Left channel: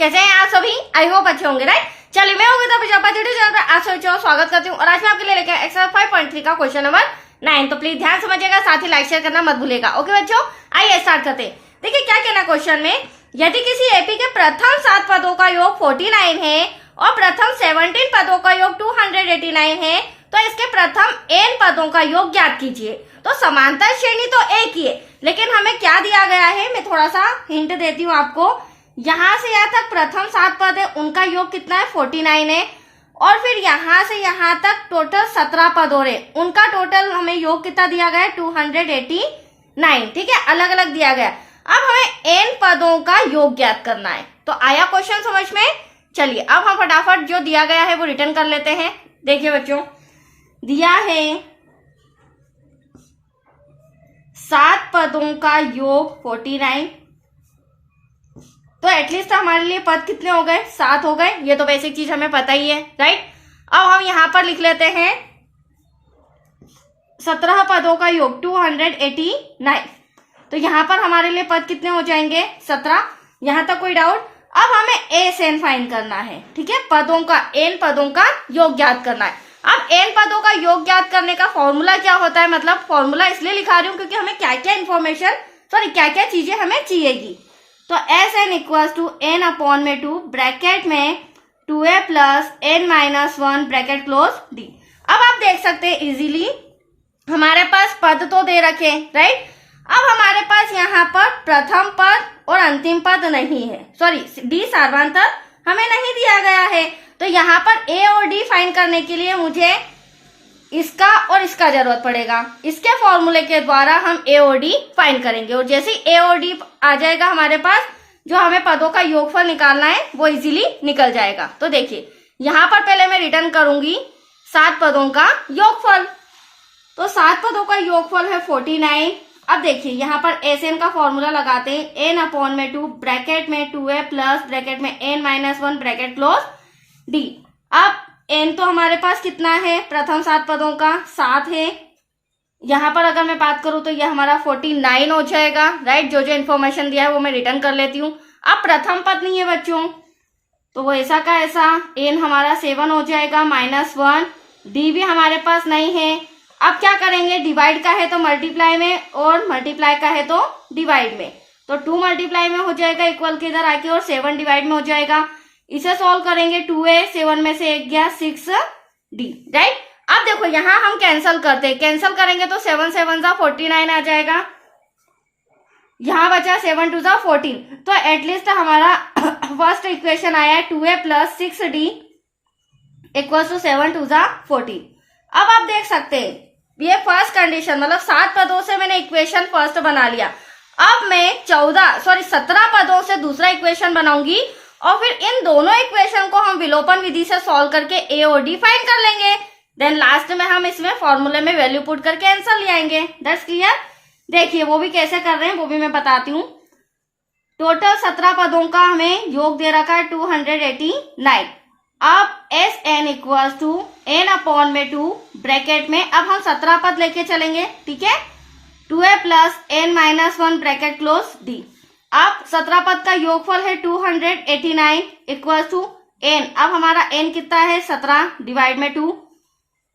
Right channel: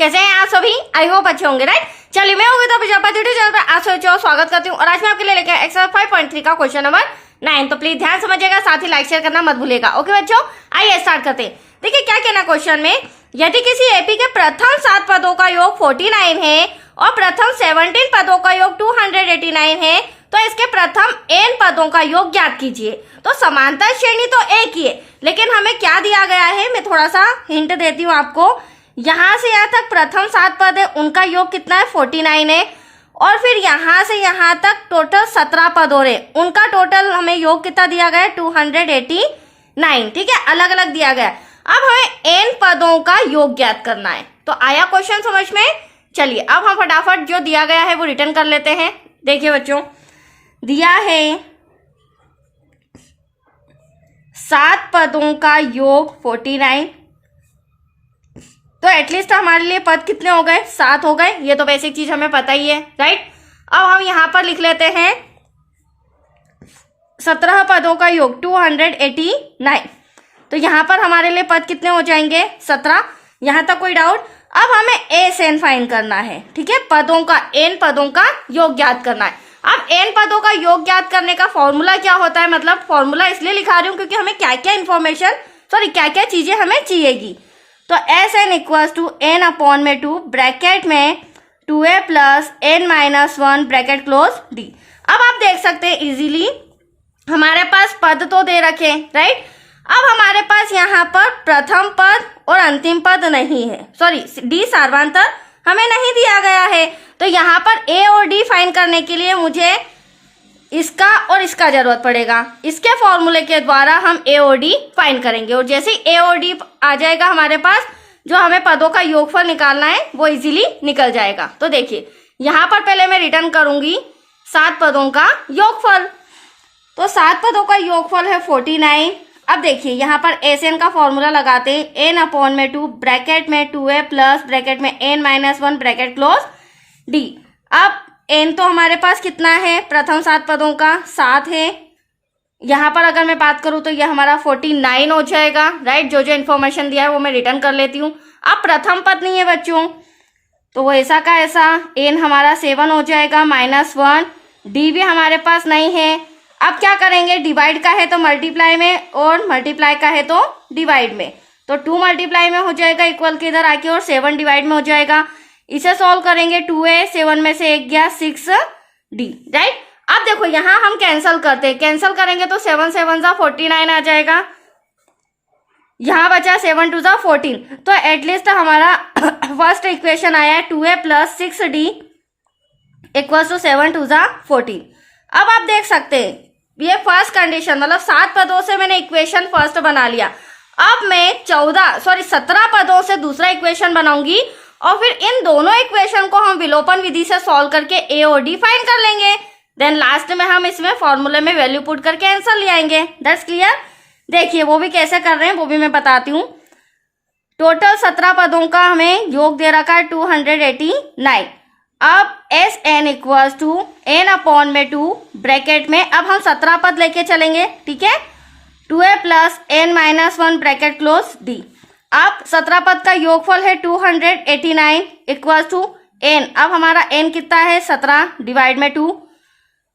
कैसे हैं आप सभी? आई होप अच्छे होंगे, राइट। चलिए, मैं हूँ प्रजापति यूट्यूब चैनल पर आप सभी को स्वागत करती हूँ और आज मैं आपके लिए लेकर एक्सरसाइज 5.3 का क्वेश्चन नंबर 9। तो प्लीज ध्यान समझिएगा, साथ ही लाइक शेयर करना मत भूलिएगा। ओके बच्चों, आइए स्टार्ट करते हैं। देखिए क्या कहना क्वेश्चन में, यदि किसी एपी के प्रथम 7 पदों का योग 49 है और प्रथम 17 पदों का योग 289 है तो इसके प्रथम n पदों का योग ज्ञात कीजिए। तो समांतर श्रेणी तो एक ही है, लेकिन हमें क्या दिया गया है, मैं थोड़ा सा हिंट देती हूँ आपको। यहाँ से यहाँ तक प्रथम 7 पद है, उनका योग कितना है, 49 है। और फिर यहाँ से यहाँ तक टोटल 17 पद हो रहे, उनका टोटल हमें योग कितना दिया गया है, 289। ठीक है, अलग अलग दिया गया। अब हमें n पदों का योग ज्ञात करना है। तो आया क्वेश्चन समझ में? चलिए अब हम फटाफट जो दिया गया है वो रिटर्न कर लेते हैं। देखिए बच्चों, दिया है 7 पदों का योग 49, तो एटलीस्ट हमारे लिए पद कितने हो गए, 7 हो गए। ये तो बेसिक चीज हमें पता ही है, राइट। अब हम यहां पर लिख लेते हैं 17 पदों का योग 289। तो यहां पर हमारे लिए पद कितने हो जाएंगे, 17। यहां तक कोई डाउट? अब हमें ए से एन फाइंड करना है, ठीक है, पदों का एन पदों का योग ज्ञात करना है। अब एन पदों का योग ज्ञात करने का फॉर्मूला क्या होता है, मतलब फॉर्मूला इसलिए लिखा रही हूँ क्योंकि हमें क्या क्या इन्फॉर्मेशन क्या क्या चीजें हमें चाहिएगी। तो S n equals to n upon में 2 ब्रैकेट में 2a plus n minus 1 bracket close d. अब आप देख सकते हैं इजीली हमारे पास पद तो दे रखे, राइट। अब हमारे पास यहाँ पर प्रथम पद और अंतिम पद नहीं है, डी सार्वंतर हमें नहीं दिया गया है। तो यहाँ पर ए और डी फाइंड करने के लिए मुझे इसका और इसका जरूरत पड़ेगा। इसके फॉर्मूले के द्वारा हम ए और डी फाइंड करेंगे और जैसे ए और डी आ जाएगा हमारे पास, जो हमें पदों का योगफल निकालना है वो इजीली निकल जाएगा। तो देखिए यहाँ पर पहले मैं रिटर्न करूंगी 7 पदों का योगफल। तो 7 पदों का योगफल है 49। अब देखिए यहाँ पर एस एन का फॉर्मूला लगाते हैं, एन अपॉन में 2 ब्रैकेट में 2a प्लस ब्रैकेट में n minus 1 bracket close d. अब n तो हमारे पास कितना है, प्रथम 7 पदों का 7 है। यहाँ पर अगर मैं बात करूं तो यह हमारा 49 हो जाएगा, राइट। जो जो इन्फॉर्मेशन दिया है वो मैं रिटर्न कर लेती हूँ। अब प्रथम पद नहीं है बच्चों, तो वो ऐसा का ऐसा n हमारा 7 हो जाएगा माइनस 1, डी भी हमारे पास नहीं है। अब क्या करेंगे, डिवाइड का है तो मल्टीप्लाई में और मल्टीप्लाई का है तो डिवाइड में। तो 2 मल्टीप्लाई में हो जाएगा इक्वल के इधर आके और 7 डिवाइड में हो जाएगा। इसे सॉल्व करेंगे, 2a 7 में से 1 गया 6d, राइट। अब देखो यहाँ हम कैंसल करते हैं, कैंसल करेंगे तो 7 7 जा 49 आ जाएगा। यहाँ बचा 7 2 जा 14। तो एटलीस्ट हमारा फर्स्ट इक्वेशन आया है 2a plus 6d equal to 7 2 जा 14। अब आप देख सकते हैं ये फर्स्ट कंडीशन, मतलब 7 पदों से मैंने इक्वेशन फर्स्ट बना लिया। अब मैं 17 पदों से दूसरा इक्वेशन बनाऊंगी और फिर इन दोनों इक्वेशन को हम विलोपन विधि से सॉल्व करके ए और डी फाइंड कर लेंगे। देन लास्ट में हम इसमें फॉर्मूले में वैल्यू पुट करके आंसर ले आएंगे। That's clear. देखिए वो भी कैसे कर रहे हैं वो भी मैं बताती हूँ। टोटल 17 पदों का हमें योग दे रखा है 289। अब S n equals to n upon में 2 ब्रैकेट में, अब हम 17 पद लेके चलेंगे, ठीक है, 2a plus n minus 1 bracket close d. अब 17 पद का योगफल है 289 इक्वल्स टू n। अब हमारा n कितना है, 17 डिवाइड में 2।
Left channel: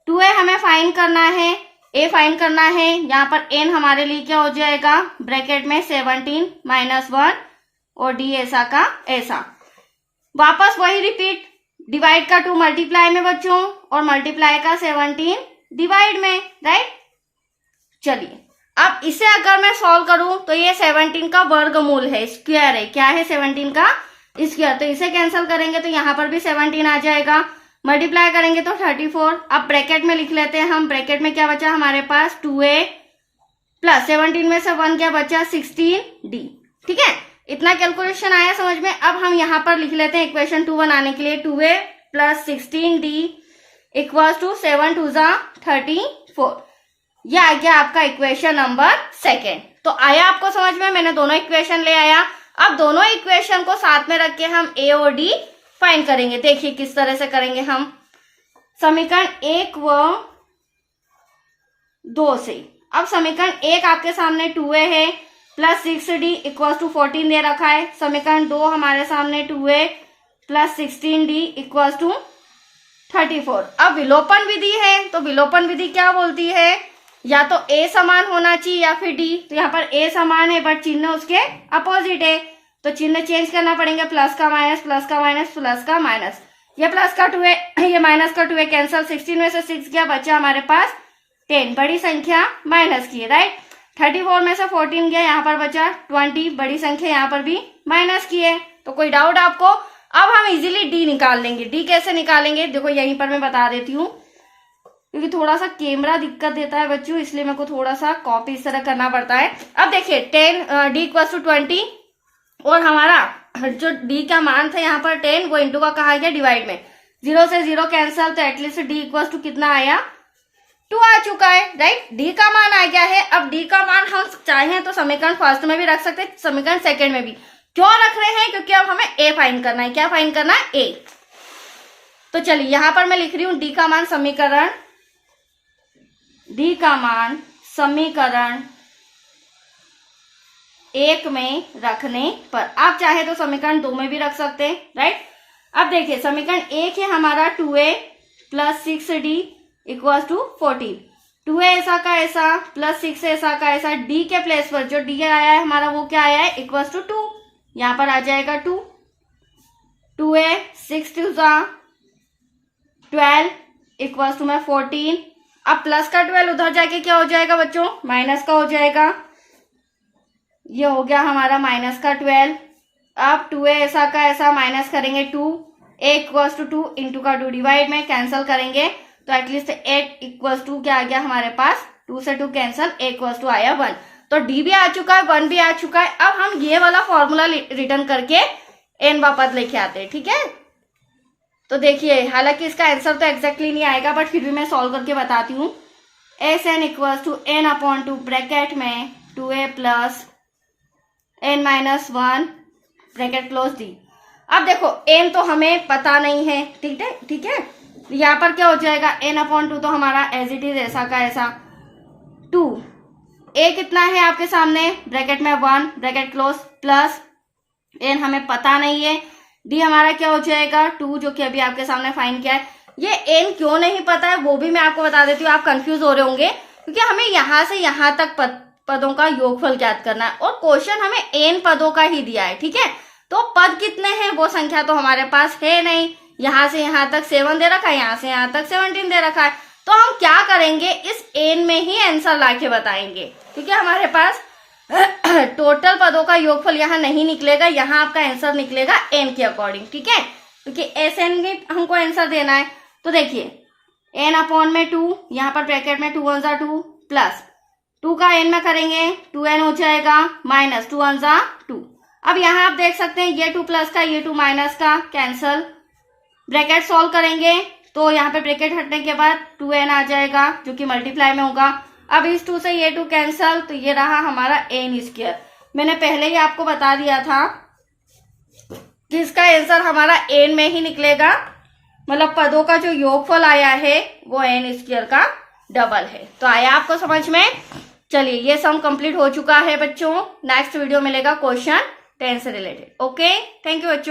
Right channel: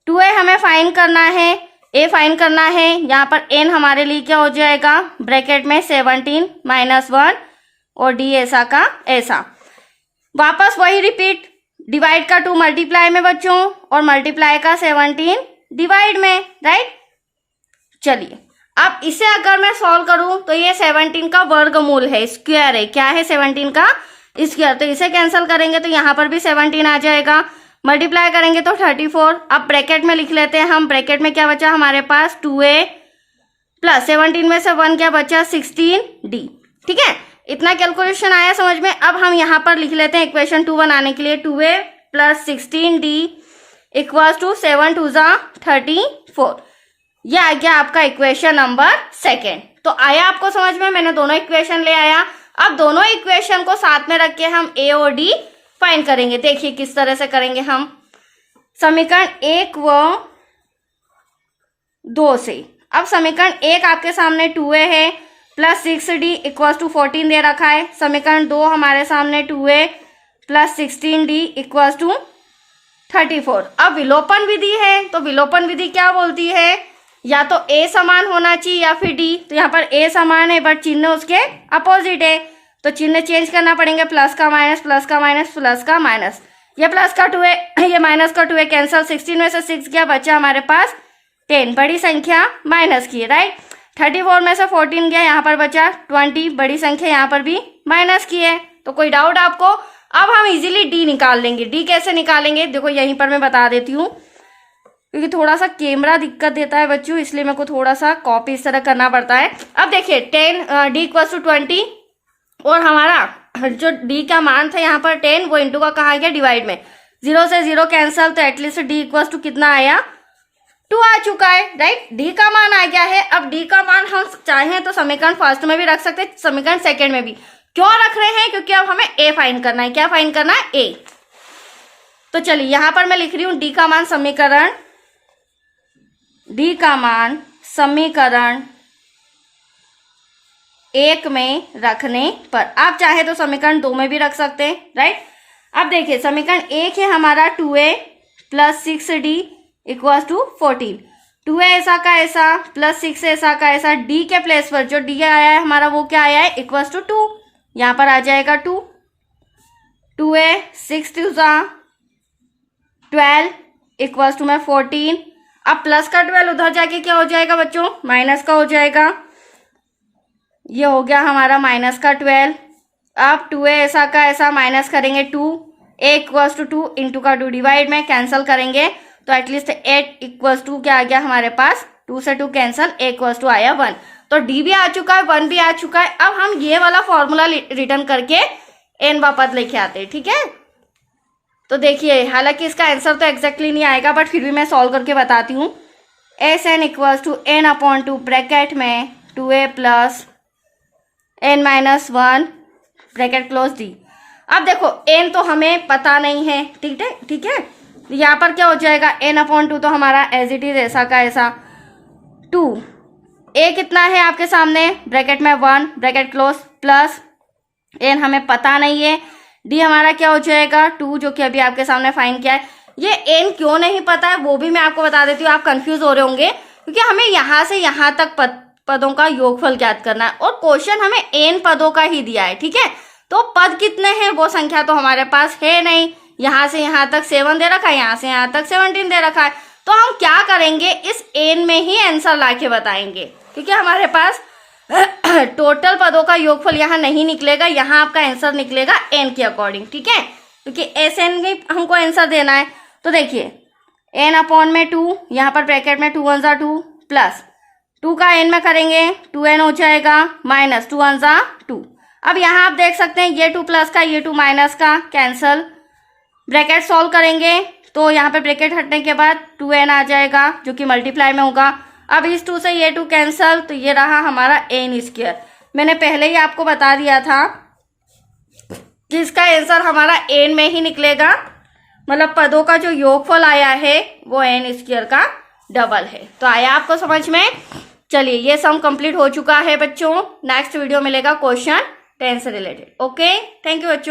2a हमें फाइंड करना है, a फाइंड करना है। यहाँ पर n हमारे लिए क्या हो जाएगा, ब्रैकेट में 17 माइनस 1 और d ऐसा का ऐसा। वापस वही रिपीट, डिवाइड का 2 मल्टीप्लाई में बच्चों और मल्टीप्लाई का 17 डिवाइड में, राइट। चलिए अब इसे अगर मैं सॉल्व करूं तो ये 17 का वर्गमूल है, स्क्वायर है, क्या है 17 का स्क्वायर। तो इसे कैंसिल करेंगे तो यहाँ पर भी 17 आ जाएगा, मल्टीप्लाई करेंगे तो 34। अब ब्रैकेट में लिख लेते हैं हम, ब्रैकेट में क्या बचा हमारे पास, 2a प्लस 17 में से 1 क्या बचा, 16d, ठीक है। इतना कैलकुलेशन आया समझ में। अब हम यहाँ पर लिख लेते हैं इक्वेशन 2 बनाने के लिए, 2a plus 16d equals to 7 2 जा 34। यह आ गया आपका इक्वेशन नंबर 2। तो आया आपको समझ में, मैंने दोनों इक्वेशन ले आया। अब दोनों इक्वेशन को साथ में रख के हम ए और डी फाइंड करेंगे। देखिए किस तरह से करेंगे हम, समीकरण 1 व 2 से। अब समीकरण 1 आपके सामने 2a है प्लस 6d इक्वल टू 14 दे रखा है। समीकरण 2 हमारे सामने 2a plus 16d equal to 34। अब विलोपन विधि है, तो विलोपन विधि क्या बोलती है, या तो a समान होना चाहिए या फिर d। तो यहाँ पर a समान है बट चिन्ह उसके अपोजिट है, तो चिन्ह चेंज करना पड़ेंगे, प्लस का माइनस, प्लस का माइनस, प्लस का माइनस। ये प्लस का 2 है, ये माइनस का 2 है, कैंसल। 16 में से 6 गया, बचा हमारे पास 10, बड़ी संख्या माइनस की, राइट। 34 में से 14 गया, यहाँ पर बचा 20, बड़ी संख्या यहाँ पर भी माइनस की है। तो कोई डाउट आपको? अब हम इजीली डी निकाल लेंगे। डी कैसे निकालेंगे, देखो यहीं पर मैं बता देती हूँ, क्योंकि थोड़ा सा कैमरा दिक्कत देता है बच्चों, इसलिए मेरे को थोड़ा सा कॉपी इस तरह करना पड़ता है। अब देखिए 10 डी इक्वल टू 20, और हमारा जो डी का मान था यहाँ पर 10, वो इंटू का कहा गया डिवाइड में, 0 से 0 कैंसल, तो एटलीस्ट डी इक्वल टू कितना आया, 2 आ चुका है, राइट। डी का मान आ गया है। अब डी का मान हम चाहें तो समीकरण फर्स्ट में भी रख सकते हैं, समीकरण सेकंड में भी। क्यों रख रहे हैं, क्योंकि अब हमें ए फाइंड करना है। क्या फाइंड करना है, ए। तो चलिए यहां पर मैं लिख रही हूं डी का मान समीकरण, डी का मान समीकरण 1 में रखने पर। आप चाहे तो समीकरण 2 में भी रख सकते हैं, राइट। अब देखिए समीकरण 1 है हमारा 2a plus 6d equal to 14। 2a ऐसा का ऐसा प्लस 6 ऐसा का ऐसा, d के प्लेस पर जो d आया है हमारा वो क्या आया है, इक्वल टू 2, यहां पर आ जाएगा 2। 2a 6 2 12 इक्वल टू में 14। अब प्लस का 12 उधर जाके क्या हो जाएगा बच्चों, माइनस का हो जाएगा। ये हो गया हमारा माइनस का 12। अब 2a ऐसा का ऐसा माइनस करेंगे 2, a इक्वल्स टू 2 इंटू का 2 डिवाइड में, कैंसिल करेंगे तो एटलीस्ट 8 इक्वल्स टू क्या आ गया हमारे पास, 2 से 2 कैंसिल, a इक्वल्स टू आया 1। तो d भी आ चुका है, 1 भी आ चुका है। अब हम ये वाला फॉर्मूला रिटर्न करके n वापस लेके आते हैं, ठीक है। तो देखिए हालांकि इसका आंसर तो एग्जैक्टली नहीं आएगा, बट फिर भी मैं सॉल्व करके बताती हूँ। S n equals to n upon 2 bracket में 2a plus n minus 1 bracket close d. अब देखो n तो हमें पता नहीं है, ठीक है। यहाँ पर क्या हो जाएगा, n अपॉन 2 तो हमारा एज इट इज ऐसा का ऐसा 2, a कितना है आपके सामने, ब्रैकेट में 1 ब्रैकेट क्लोज, प्लस n हमें पता नहीं है, d हमारा क्या हो जाएगा 2, जो कि अभी आपके सामने फाइंड किया है। ये n क्यों नहीं पता है वो भी मैं आपको बता देती हूँ, आप कंफ्यूज हो रहे होंगे, क्योंकि हमें यहाँ से यहाँ तक पदों का योगफल ज्ञात करना है, और क्वेश्चन हमें n पदों का ही दिया है, ठीक है। तो पद कितने हैं वो संख्या तो हमारे पास है नहीं, यहाँ से यहाँ तक 7 दे रखा है, यहाँ से यहाँ तक 17 दे रखा है। तो हम क्या करेंगे, इस n में ही आंसर लाके बताएंगे, ठीक है। हमारे पास टोटल पदों का योगफल यहाँ नहीं निकलेगा, यहाँ आपका आंसर निकलेगा n के अकॉर्डिंग, ठीक है, क्योंकि SN में हमको आंसर देना है। तो देखिए n अपॉन में 2, यहाँ पर ब्रैकेट में 2 1 जा 2 प्लस 2 का n में करेंगे 2n हो जाएगा, माइनस 2 1 जा 2। अब यहाँ आप देख सकते हैं ये 2 प्लस का ये 2 माइनस का, कैंसल, ब्रैकेट सॉल्व करेंगे तो यहाँ पे ब्रैकेट हटने के बाद 2n आ जाएगा, जो कि मल्टीप्लाई में होगा। अब इस 2 से ये 2 कैंसल, तो ये रहा हमारा n स्क्वायर। मैंने पहले ही आपको बता दिया था कि इसका आंसर हमारा n में ही निकलेगा, मतलब पदों का जो योगफल आया है वो n स्क्वायर का डबल है। तो आया आपको समझ में। चलिए ये सम कंप्लीट हो चुका है बच्चों। नेक्स्ट वीडियो मिलेगा क्वेश्चन 10 से रिलेटेड। ओके, थैंक यू बच्चों।